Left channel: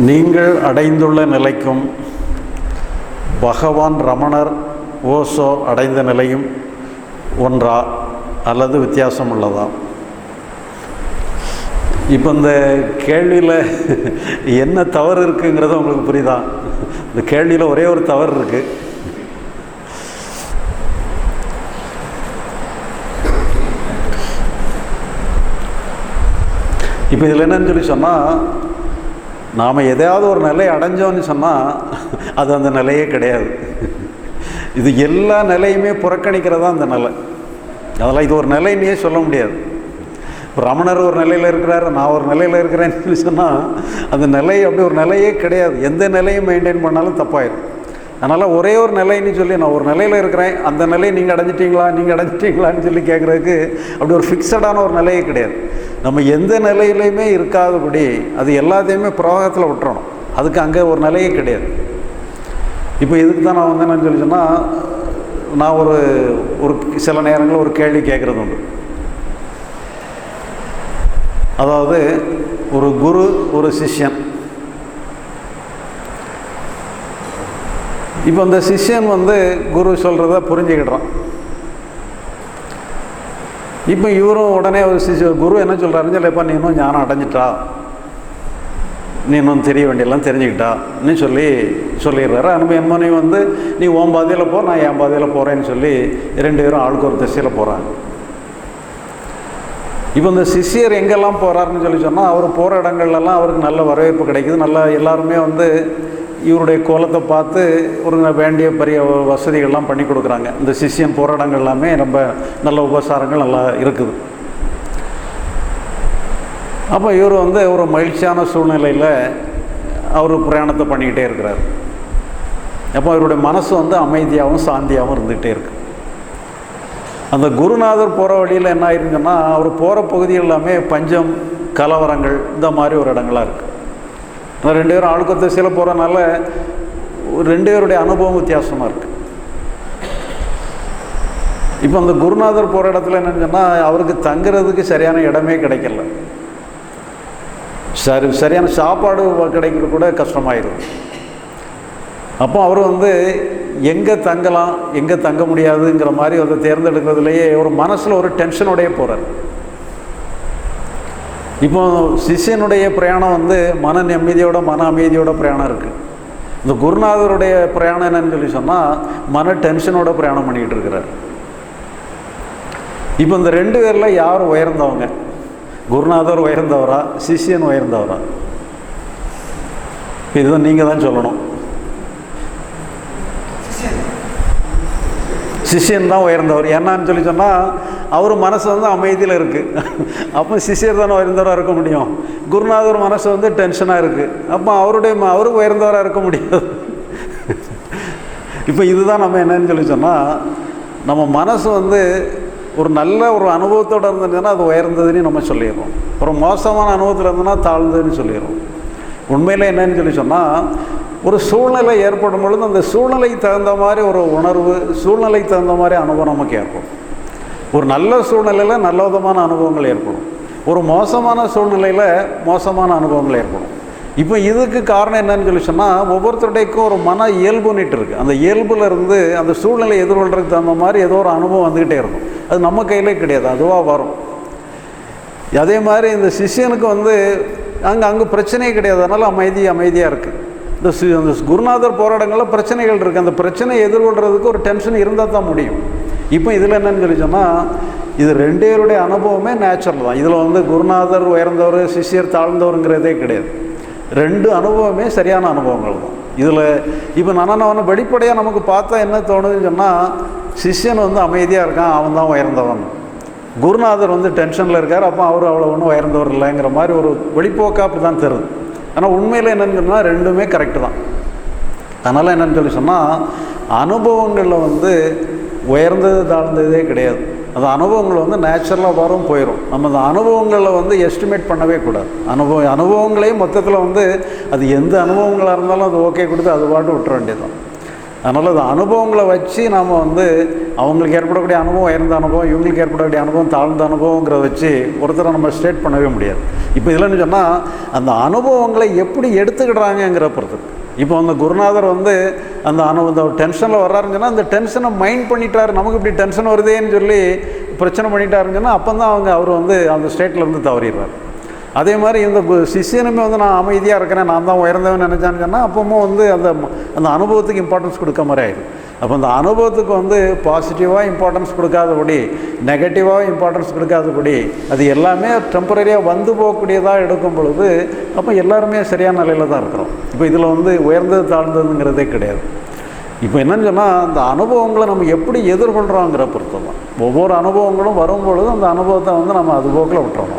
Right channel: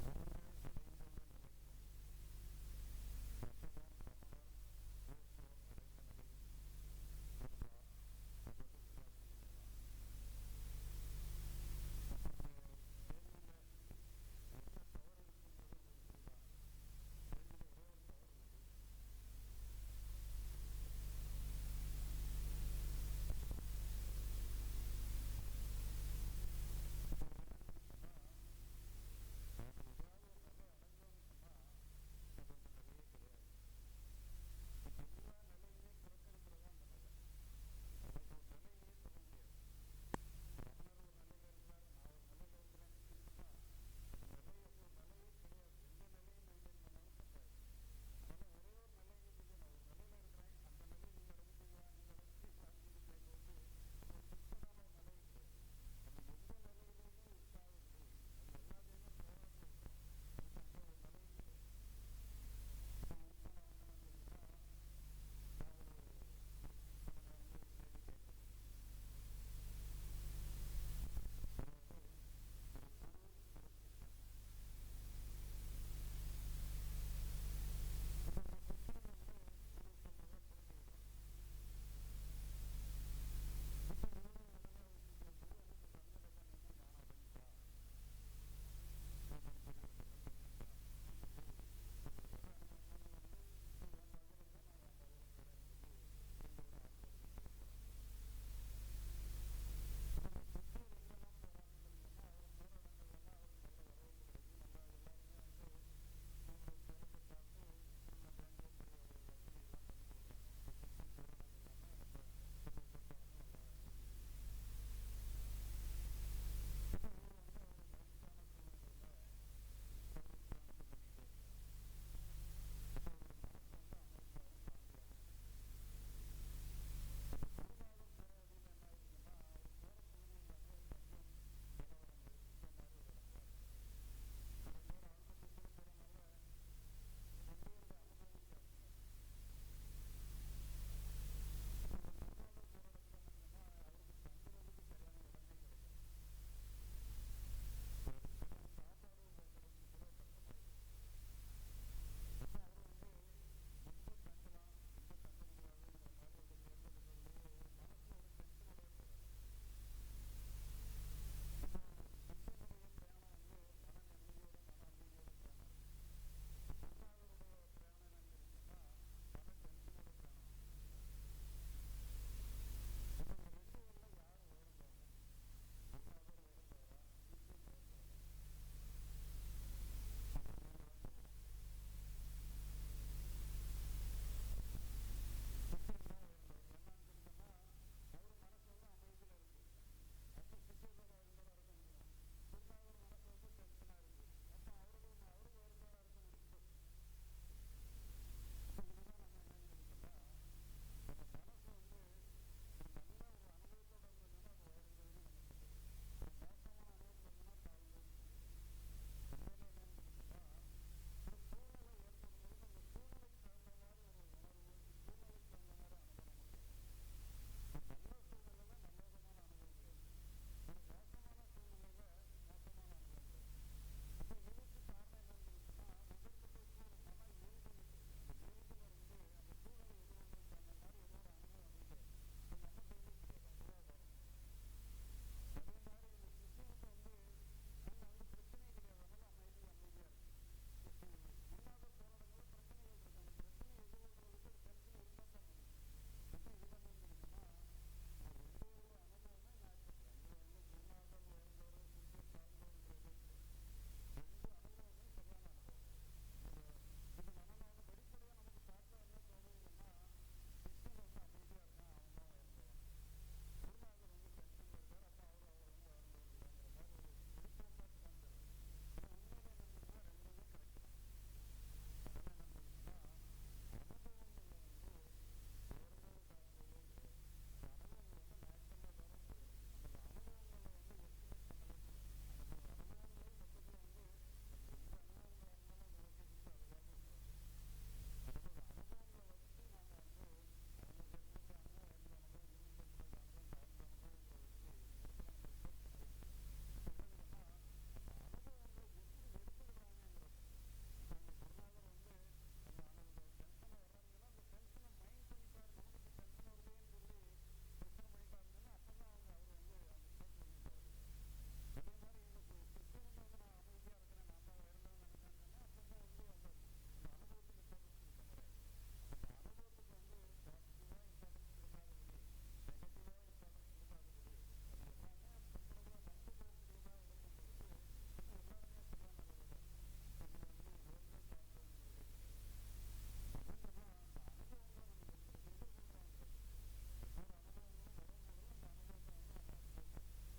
நீங்கள் அடைந்துள்ள நிலைக்கும் பகவான் ரமணர் ஓசோ அடைந்த நிலையும் ஒன்றா அல்லது வித்தியாசம் உள்ளதா இப்போ இந்த கேள்வியில் என்ன தவறு இருக்குங்கிறது உங்களுக்கு புரியுதா? இந்த கேள்வியில் ஒரே ஒரு தவறு இருக்குது இப்போ இதில் என்னன்னு சொல்லி சொன்னால் நாம் எதையாவது ஒரு நிலையை அடைஞ்சோன்னு சொன்னால் அது அந்த நிலையே கிடையாது. இது எல்லா நிலையுமே புறக்கணிக்கிறதா அந்த நிலை. அதெல்லாம் இது ஒரு நிலைன்னே சொல்ல முடியாது. இப்போ ரமணர் ஒரு நிலையில் இருக்கிறாரு நான் ஒரு நிலையில் இருக்கிறேன்னு சொன்னால் அந்த நிலை அப்படி ஒரு நிலையே கிடையாது. எந்த நிலையும் மெயின்டைன் பண்ணாலும் தப்பாயிடும் அதனால் ஒரே ஒரு நிலைன்னு சொல்லி நான் ஒரு நிலையில் இருக்கிறேன். அந்த நிலையை நீங்கள் அடைஞ்சிட்டீங்களா நீங்கள் அடைஞ்சிட்டீங்களான்னு சொல்லி கேட்குறதுக்கு அப்படி ஒரு ஃபிக்ஸடான ஒரு நிலையே கிடையாது. நம்ம எந்த நிலையிலையுமே இருக்காதபடி அது எல்லாத்தையுமே பிரவாகத்தில் விட்டுறணும். அதுக்கு அங்கே ஒரு நிலையே கிடையாது. இப்போ இதுக்கு தான் நான் வந்து என்னன்னு சொல்லி சொன்னால் நான் ஒரு ஒரு சில நேரங்களில் ஒரு கேள்வி கேட்குறது உண்டு. அதாவது ஒரு குரு ஒரு சிஷ்யன் இப்போ அந்த சிஷ்யன் வந்து குரு சொல்கிறத புரிஞ்சுக்கிடுறான். இப்போ இவரும் உடனே ஒரு சிஷ்ய குரு என்ன சொல்கிறாருன்னு சொல்லிப்பா நீ இன்னும் ஞானம் அடைஞ்சிட்டா? நீ இன்னும் தெரிய வேண்டியெல்லாம் தெரிஞ்சுக்கிட்டான்னு சொல்லி சொல்லிடுறாரு. அனுபவம் என்மனை வந்து நீ ஓம் பாதையில் போ நான் என் பாதையில் போகிறேன்னு சொல்லி ரெண்டு பேரும் ஆளுக்கு ஒரு திசையில் போகிறாங்க இப்போ இந்த சிஷியர் எங்கெல்லாம் போகிறாருன்னு சொல்லி சொன்னால் அவர் போகிற இடங்கள்லாம் அவருக்கு நல்ல வரவேற்பு கிடைக்குது. நல்லா எல்லாருமே வந்து இவருடைய கோலத்தை பார்த்து ஒரு வேண்டிய பெரிய வசதிகள்லாம் பண்ணி கொடுக்குறாங்க. இந்த சிஷியம் போகிற இடங்கள் எல்லாமே ரொம்ப நல்ல உபசாரங்கள் நல்லா இருக்குது. அப்போ இவர் வந்து ஒரு மகிழ்ச்சியான சூழ்நிலையில் அவர் பிரயாணத்தை பண்ணிக்கிட்டே இருக்கிறார். அப்போ இவருடைய மனசு வந்து அமைதியாகவும் சாந்தியாகவும் இருந்துகிட்டே இருக்கு. அந்த குருநாதர் போகிற வழியில் என்ன ஆயிருங்கன்னா அவர் போகிற பகுதி எல்லாமே பஞ்சம் கலவரங்கள் இந்த மாதிரி ஒரு இடங்களாக இருக்குது ஆனால் ரெண்டு பேரும் ஆளுக்கு திசையில் போகிறனால ரெண்டு பேருடைய அனுபவம் வித்தியாசமாக இருக்குது இப்போ அந்த குருநாதர் போகிற இடத்துல என்னன்னு சொன்னால் அவருக்கு தங்குறதுக்கு சரியான இடமே கிடைக்கல. சரி சரியான சாப்பாடு கிடைக்கிறது கூட கஷ்டமாயிடும் அப்போ அவர் வந்து எங்கே தங்கலாம் எங்கே தங்க முடியாதுங்கிற மாதிரி அதை தேர்ந்தெடுக்கிறதுலையே ஒரு மனசில் ஒரு டென்ஷனோடையே போகிறார் இப்போ சிஷ்யனுடைய பிரயாணம் வந்து மன நிம்மதியோட மன அமைதியோட பிரயாணம் இருக்குது இந்த குருநாதருடைய பிரயாணம் என்னன்னு சொல்லி சொன்னால் மன டென்ஷனோட பிரயாணம் பண்ணிக்கிட்டு இருக்கிறார். இப்போ இந்த ரெண்டு பேரில் யார் உயர்ந்தவங்க? குருநாதர் உயர்ந்தவரா சிஷ்யன் உயர்ந்தவரா? இதுதான் நீங்கள் தான் சொல்லணும். சிஷ்யன் தான் உயர்ந்தவர். என்னன்னு சொல்லி சொன்னால் அவர் மனசு வந்து அமைதியில் இருக்குது அப்போ சிஷியர் தானே உயர்ந்தவராக இருக்க முடியும்? குருநாதர் மனசு வந்து டென்ஷனாக இருக்குது அப்போ அவருடைய அவரும் உயர்ந்தவராக இருக்க முடியாது. இப்போ இதுதான் நம்ம என்னன்னு சொல்லி சொன்னால் நம்ம மனசு வந்து ஒரு நல்ல ஒரு அனுபவத்தோடு இருந்ததுன்னா அது உயர்ந்ததுன்னு நம்ம சொல்லிடுறோம். ஒரு மோசமான அனுபவத்தில் இருந்ததுன்னா தாழ்ந்ததுன்னு சொல்லிடுறோம். உண்மையில் என்னன்னு சொல்லி சொன்னால் ஒரு சூழ்நிலை ஏற்படும் பொழுது அந்த சூழ்நிலைக்கு தகுந்த மாதிரி ஒரு உணர்வு சூழ்நிலைக்கு தகுந்த மாதிரி அனுபவம் நமக்கு ஏற்படும். ஒரு நல்ல சூழ்நிலையில் நல்ல விதமான அனுபவங்கள் ஏற்படும். ஒரு மோசமான சூழ்நிலையில் மோசமான அனுபவங்கள் ஏற்படும். இப்போ இதுக்கு காரணம் என்னன்னு சொல்லி சொன்னால் ஒவ்வொருத்தருடையக்கும் ஒரு மன இயல்புன்னுட்டு இருக்குது அந்த இயல்புல இருந்து அந்த சூழ்நிலை எதிர்கொள்றதுக்கு தகுந்த மாதிரி ஏதோ ஒரு அனுபவம் வந்துக்கிட்டே இருக்கும். அது நம்ம கையிலே கிடையாது அதுவாக வரும். அதே மாதிரி இந்த சிஷியனுக்கு வந்து அங்கே அங்கே பிரச்சனையே கிடையாது. அதனால் அமைதி அமைதியாக இருக்குது இந்த அந்த குருநாதர் போராட்டங்களில் பிரச்சனைகள் இருக்குது அந்த பிரச்சனையை எதிர்கொள்கிறதுக்கு ஒரு டென்ஷன் இருந்தால் தான் முடியும். இப்போ இதில் என்னன்னு சொல்லி சொன்னால் இது ரெண்டு பேருடைய அனுபவமே நேச்சுரல் தான். இதில் வந்து குருநாதர் உயர்ந்தவர் சிஷியர் தாழ்ந்தவருங்கிறதே கிடையாது. ரெண்டு அனுபவமே சரியான அனுபவங்கள் தான். இதில் இப்போ நான் வெளிப்படையாக நமக்கு பார்த்தா என்ன தோணுதுன்னு சொன்னால் சிஷ்யன் வந்து அமைதியாக இருக்கான் அவன் தான் உயர்ந்தவன். குருநாதர் வந்து டென்ஷனில் இருக்கார் அப்போ அவர் அவ்வளோ ஒன்றும் உயர்ந்தவர் இல்லைங்கிற மாதிரி ஒரு வெளிப்போக்காக அப்படி தான் தருது. ஆனால் உண்மையில் என்னன்னு சொன்னால் ரெண்டுமே கரெக்டு தான். அதனால் என்னென்னு சொல்லி சொன்னால் அனுபவங்களில் வந்து உயர்ந்தது தாழ்ந்ததே கிடையாது. அந்த அனுபவங்கள் வந்து நேச்சுரலாக வரும் போயிடும் நம்ம அந்த அனுபவங்களில் வந்து எஸ்டிமேட் பண்ணவே கூடாது. அனுபவம் அனுபவங்களையும் மொத்தத்தில் வந்து அது எந்த அனுபவங்களாக இருந்தாலும் அது ஓகே கொடுத்து அது பாட்டு விட்டுற வேண்டியதுதான். அதனால் அந்த அனுபவங்களை வச்சு நாம் வந்து அவங்களுக்கு ஏற்படக்கூடிய அனுபவம் உயர்ந்த அனுபவம் இவங்களுக்கு ஏற்படக்கூடிய அனுபவம் தாழ்ந்த அனுபவங்கிறத வச்சு ஒருத்தரை நம்ம ஸ்டேட் பண்ணவே முடியாது. இப்போ இதில்னு சொன்னால் அந்த அனுபவங்களை எப்படி எடுத்துக்கிடுறாங்கங்கிற பொறுத்து இப்போ அந்த குருநாதர் வந்து அந்த அனு இந்த டென்ஷனில் வர்றாருன்னு சொன்னால் அந்த டென்ஷனை மைண்ட் பண்ணிட்டாரு. நமக்கு இப்படி டென்ஷன் வருதேன்னு சொல்லி பிரச்சனை பண்ணிட்டாருன்னு சொன்னால் அப்போ தான் அவங்க அவர் வந்து அந்த ஸ்டேட்டில் இருந்து தவறிடுறாரு. அதே மாதிரி இந்த சிஷியனுமே சிஷ்யனுமே வந்து நான் அமைதியாக இருக்கிறேன் நான் தான் உயர்ந்தவன் நினச்சான்னு சொன்னால் அப்பவும் வந்து அந்த அந்த அனுபவத்துக்கு இம்பார்ட்டன்ஸ் கொடுக்க மாதிரி ஆயிடும். அப்போ அந்த அனுபவத்துக்கு வந்து பாசிட்டிவாக இம்பார்ட்டன்ஸ் கொடுக்காதபடி நெகட்டிவாக இம்பார்ட்டன்ஸ் கொடுக்காதபடி அது எல்லாமே டெம்பரரியாக வந்து போகக்கூடியதாக எடுக்கும் பொழுது அப்போ எல்லாருமே சரியான நிலையில் தான் இருக்கிறோம். இப்போ இதில் வந்து உயர்ந்தது தாழ்ந்ததுங்கிறதே கிடையாது. இப்போ என்னன்னு சொன்னால் அந்த அனுபவங்களை நம்ம எப்படி எதிர்கொள்கிறோங்கிற பொறுத்து தான் ஒவ்வொரு அனுபவங்களும் வரும்பொழுது அந்த அனுபவத்தை வந்து நம்ம அது போக்கில் விட்டுறோம்